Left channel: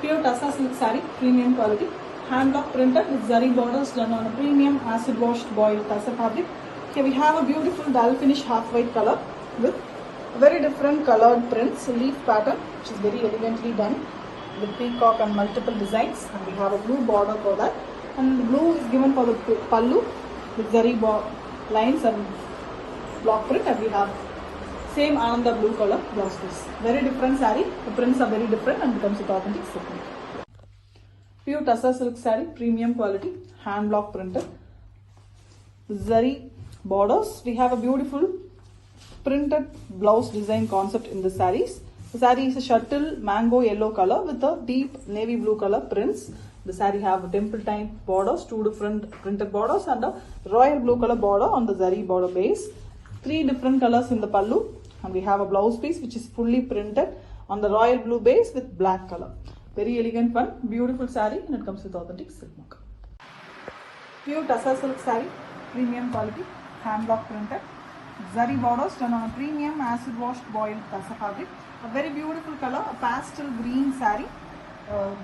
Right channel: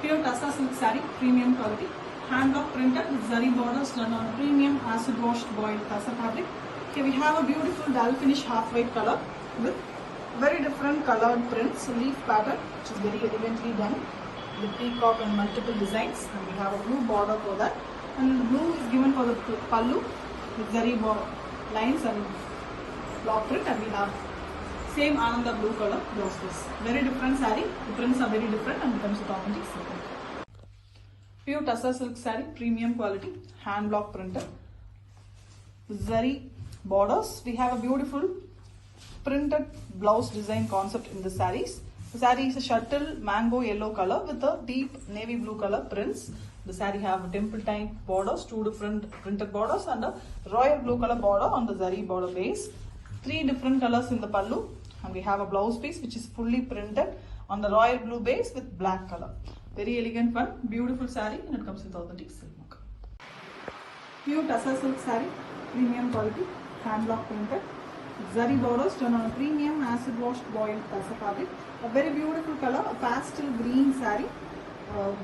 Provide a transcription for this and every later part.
Pure Tassa silk saree, premium quality, hand block printed with zari borders done on a premium acid washed boiled Tassa fabric. Here we have a beautiful dull finish half white color with very different colored prints, leaf pattern which is very elegantly done with peacock and multiple designs, and we have a blue border for that, and blue is given for the pallu with zari lines and block print, and we have same Ananda blue color blouses. Very different saree. The prints are very different and becomes with authentic silk. Pure Tassa silk saree, premium quality, hand block printed. Zari borders. We have a beautiful printed blouse design concept in the sarees. The saree is a shuttle mango yellow color with a deep navy blue color prints. The saree have temple type borders, two different printed borders, and a royal blue color border on the zari border base. Three different colors in the pallu, and we have a blouse piece which is fully printed on the royal blue base with black color. Very elegant one, beautiful saree, and it comes with authentic silk. Pure Tassa silk saree, premium quality, hand block printed. Zari borders done on a premium acid washed boiled Tassa fabric. A very beautiful color, a pastel green saree,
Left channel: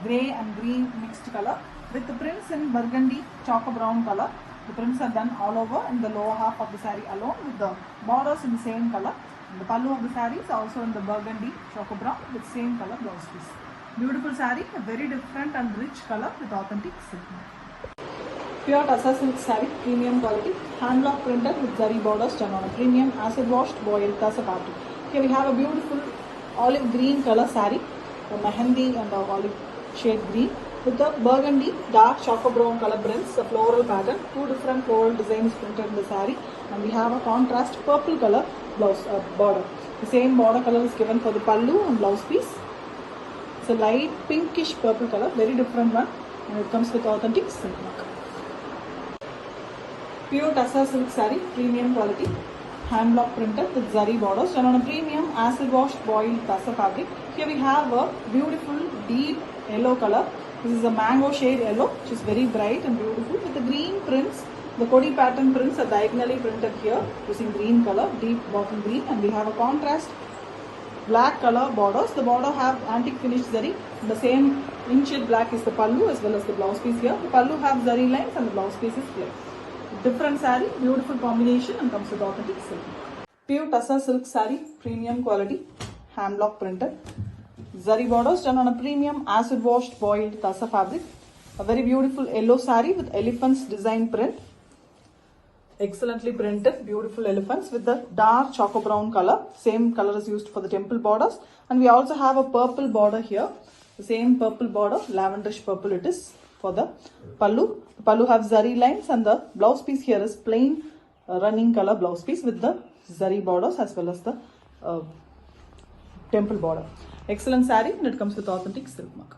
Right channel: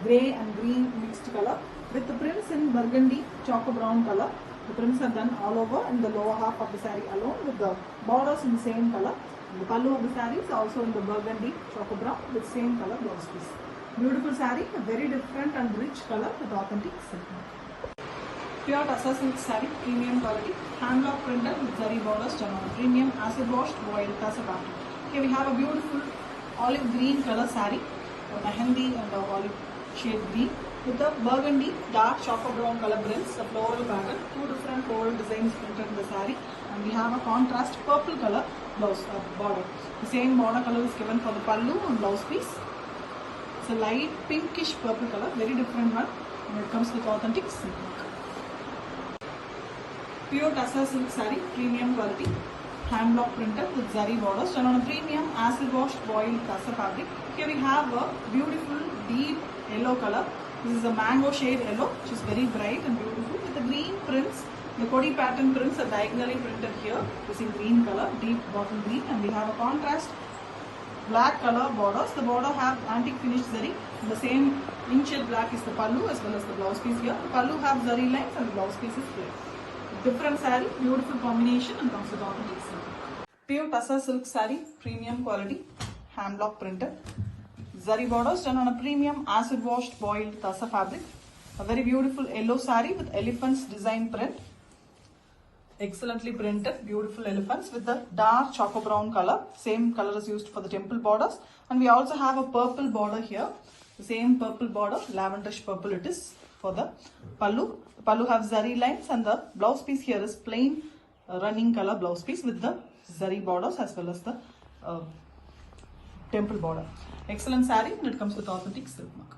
grey and green mixed color with the prints in burgundy choco brown color. The prints are done all over in the lower half of the saree alone with the borders in the same color. And the pallu of the saree is also in the burgundy choco brown with same color blouse piece. Beautiful saree, a very different and rich color with authentic silk. Pure Tassa silk saree, premium quality, hand block printed with zari borders done on a premium acid washed boiled Tassa fabric. Here we have a beautiful olive green color saree, the mehendi and the olive shade green with the burgundy dark choco brown color prints, a floral pattern, two different floral designs printed in the saree, and we have a contrast purple color blouse border. The same border color is given for the pallu and blouse piece. It's a light pinkish purple color, very different one, and it comes with authentic silk. Pure Tassa silk saree, premium quality, hand block printed with zari borders done on a premium acid washed boiled Tassa fabric. Here we have a beautiful deep yellow color. This is a mango shade yellow, which is very bright and beautiful with the green prints. The Kodi pattern prints are diagonally printed here using green color, deep bottle green, and we have a contrast black color borders. The border have antique finish zari. The same inkshade black is the pallu as well as the blouse piece here. The pallu have zari lines and the blouse piece is here. Different saree, beautiful combination, and comes with authentic silk. Pure Tassa silk saree, premium quality, hand block printed. Zari borders done on a premium acid washed boiled Tassa fabric. A very beautiful yellow saree with elephants design print. Excellently printed, beautiful elephants with the dark choco brown color. Same color is used for the temple borders. And we also have a purple border here. The same purple border, lavenderish purple it is for the pallu. Pallu have zari lines, and the blouse piece here is plain running color blouse piece with the zari borders as well as the temple border. Excellent saree, and it comes with authentic silk mark.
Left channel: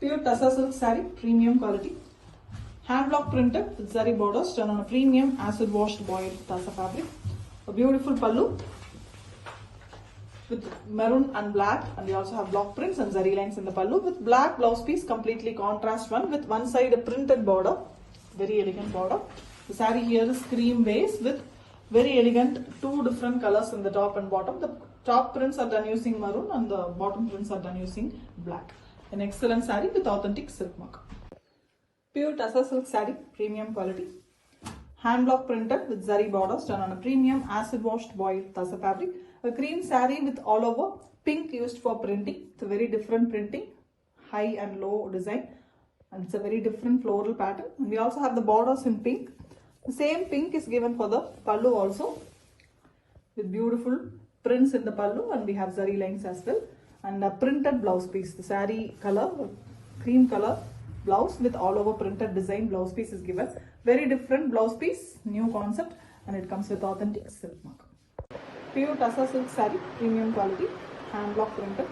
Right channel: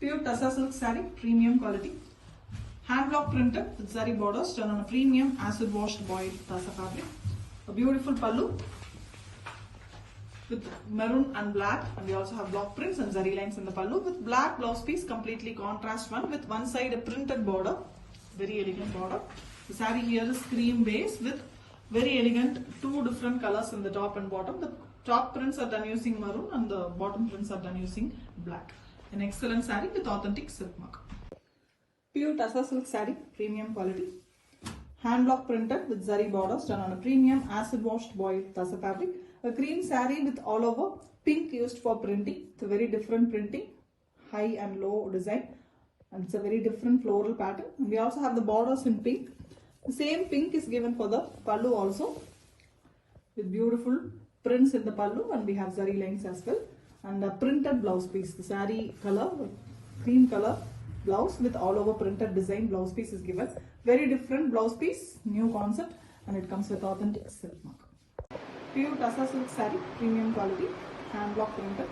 Pure Tassa silk saree, premium quality, hand block printed with zari borders done on a premium acid washed boiled Tassa fabric. A beautiful pallu with maroon and black, and we also have block prints and zari lines in the pallu with black blouse piece, completely contrast one with one side a printed border, very elegant border. The saree here is cream base with very elegant two different colors in the top and bottom. The top prints are done using maroon and the bottom prints are done using black. An excellent saree with authentic silk mark. Pure Tassa silk saree, premium quality, hand block printed with zari borders done on a premium acid washed boiled Tassa fabric. A cream saree with all over pink used for printing. It's a very different printing, high and low design, and it's a very different floral pattern. And we also have the borders in pink. The same pink is given for the pallu also with beautiful prints in the pallu, and we have zari lines as well, and a printed blouse piece. The saree color, cream color blouse with all over printed design blouse piece is given. Very different blouse piece, new concept, and it comes with authentic silk mark. Pure Tassa silk saree, premium quality, hand block printed,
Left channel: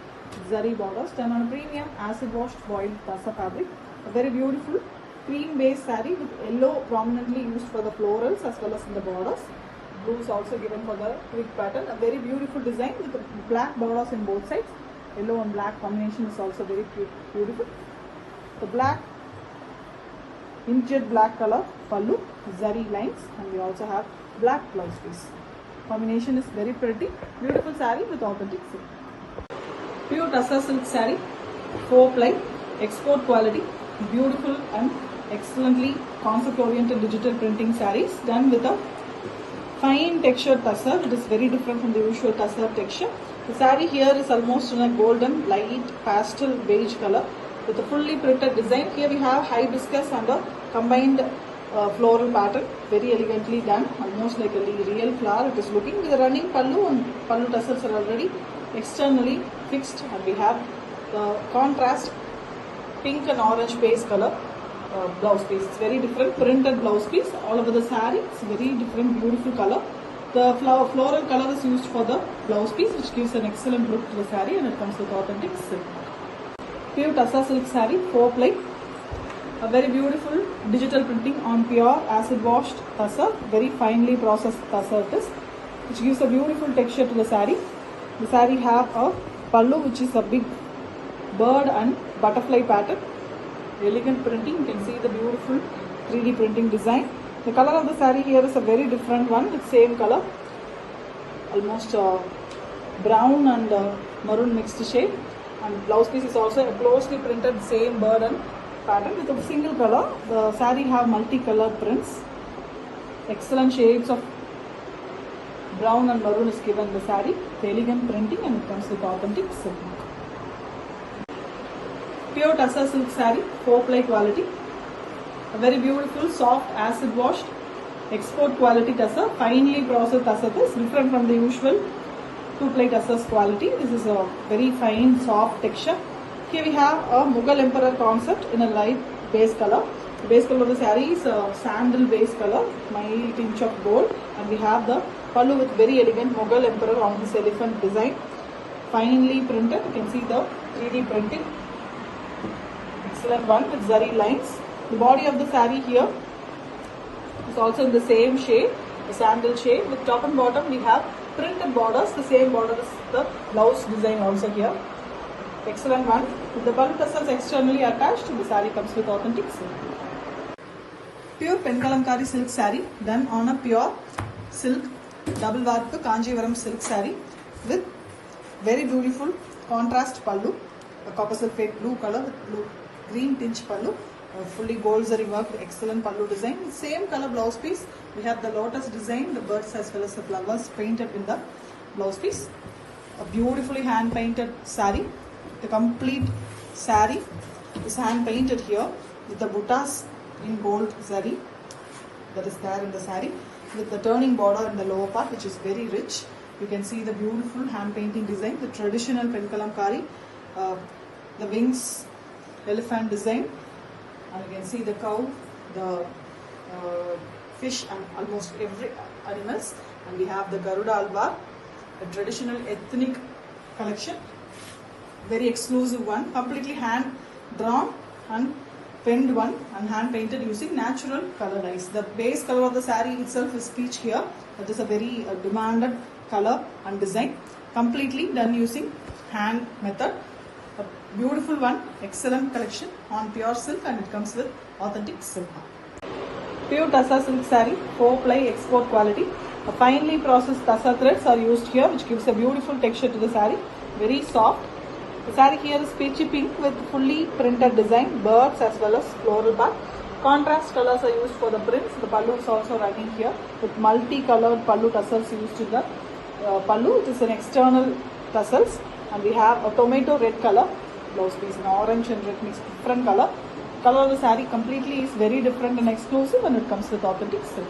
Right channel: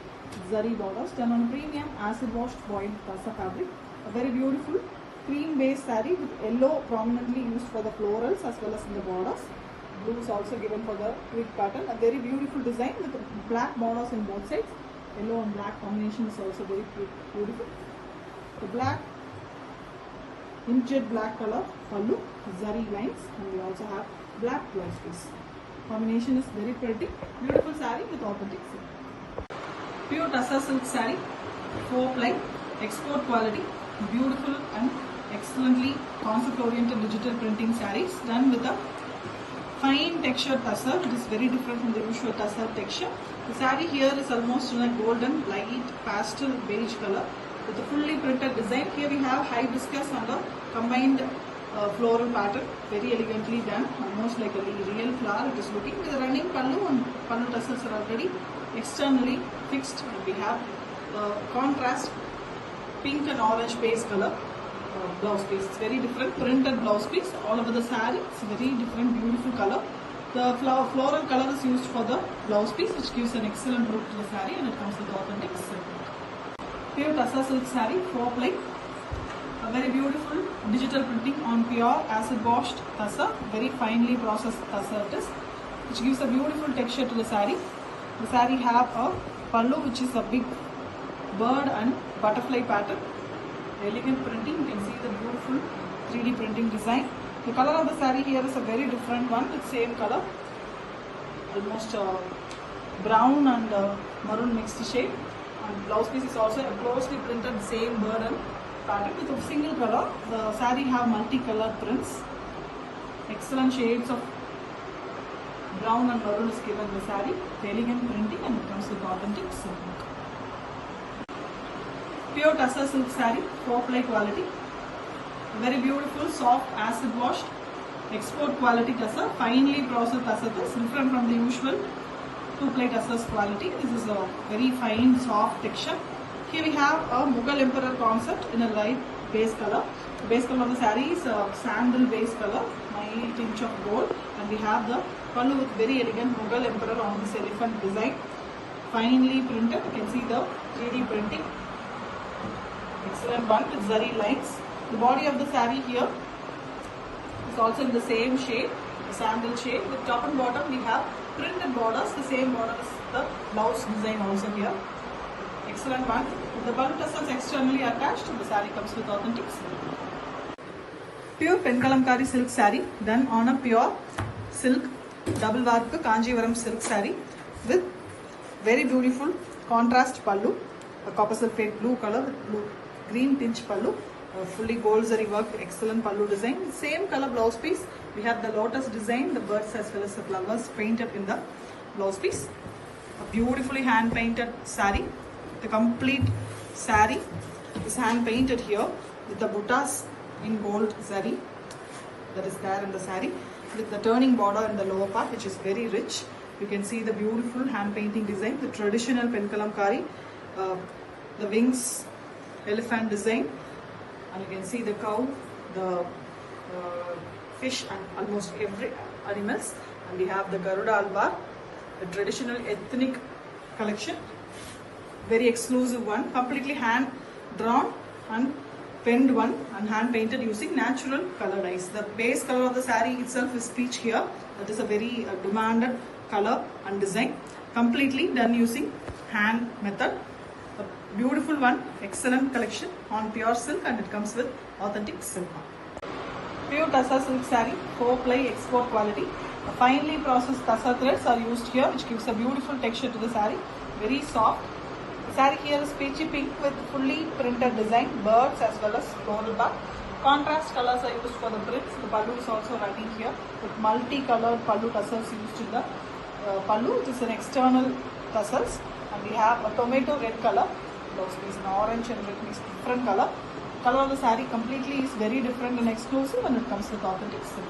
zari borders done on a premium acid washed boiled Tassa fabric. A very beautiful cream base saree with yellow prominently used for the florals as well as in the borders. Blue is also given for the twig pattern. A very beautiful design with black borders in both sides. Yellow and black combination is also very beautiful. The black inkjet black color pallu, zari lines, and we also have black blouse piece. Combination is very pretty. Beautiful saree with authentic silk. Pure Tassa silk saree, 4 ply, export quality, beautiful and excellently concept oriented digital printing sarees done with a fine textured tussar. It is very different from the usual tussar texture. The saree here is almost in a golden light pastel beige color with a fully printed design. Here we have hibiscus and a combined floral pattern, very elegantly done, almost like a real flower. It is looking with a running pallu, and pallu tassels are already externally fixed, and we have the contrast pink and orange base color blouse piece. It's very different printed blouse piece all over the saree. It's very different, beautiful color. The floral color is used for the blouse piece, which gives an excellent look to the saree, and it comes with authentic silk. Pure tussar silk saree, 4 ply. A very beautiful digital printing on pure acid washed tussar, very finely processed tussar it is, which gives a beautiful texture to the saree. The saree have a pallu, which is a big bird and butterfly pattern. Elegant printing, you can see the beautiful 3D printing design. The color of the saree here is a very different one with same color, almost brown and maroon mixed shade. And blouse piece is also a closely printed same bird and pattern with a single color. The saree have multicolored prints. Excellent shades of brown and maroon is given in the saree. Elegant printing, and it comes with authentic silk. Pure tussar silk saree, 4 ply quality. A very beautiful, soft, acid washed, export quality tussar, finely processed tussar. Is different from the usual 2 ply tussars quality. This is a very fine, soft texture. Here we have a Mughal Emperor concept in a light base color. The base color of the saree is a sandal base color, mild tinge of gold, and we have the pallu with very elegant Mughal Emperor on this elephant design, finely printed. You can see the 3D printing. Excellent one with zari lines. The body of the saree here is also in the same shade, the sandal shade. With top and bottom we have printed borders. The same border is the blouse design also here. Excellent one. With the pallu tassels externally attached, the saree comes with authentic silk. Pure Penkalamkari silk saree done on a pure silk double work Kanjivaram silk saree with very beautiful contrast pallu, a copper sulphate blue color with blue green tinge pallu, fully gold zari work, excellent pallu design. Same color blouse piece. We have the lotus design, the birds as well as the flowers painted in the blouse piece. A beautifully hand painted saree. The complete saree is hand painted here with the buttas in gold zari that is there in the saree, with the turning border in the lower part, which is very rich. You can see the beautiful hand painting design with traditional Penkalamkari, the wings, elephant design, and you can see the cow, the fish, and almost every animals. And we have the Garuda Alvar, a traditional ethnic collection, very exclusive one, completely hand drawn and penned one and hand painted using natural color dyes. The base color of the saree itself is peach here. That is a very demanded color and design, completely done using hand method. A beautiful one, excellent collection on pure silk, and it comes with authentic silk. Pure tussar silk saree, 4 ply export quality. A finely processed tussar threads are used here, which gives a beautiful texture to the saree. Very soft. The saree here is peachy pink with fully printed design, birds as well as floral part. Contrast colors are used for the prints. The pallu is also running here with multi-colored pallu tassels used in the pallu. It is an external tassels, and we have a tomato red color. Blouse piece in orange and red mixed different color. Color of the saree completely is very different and exclusive, and it comes with authentic silk.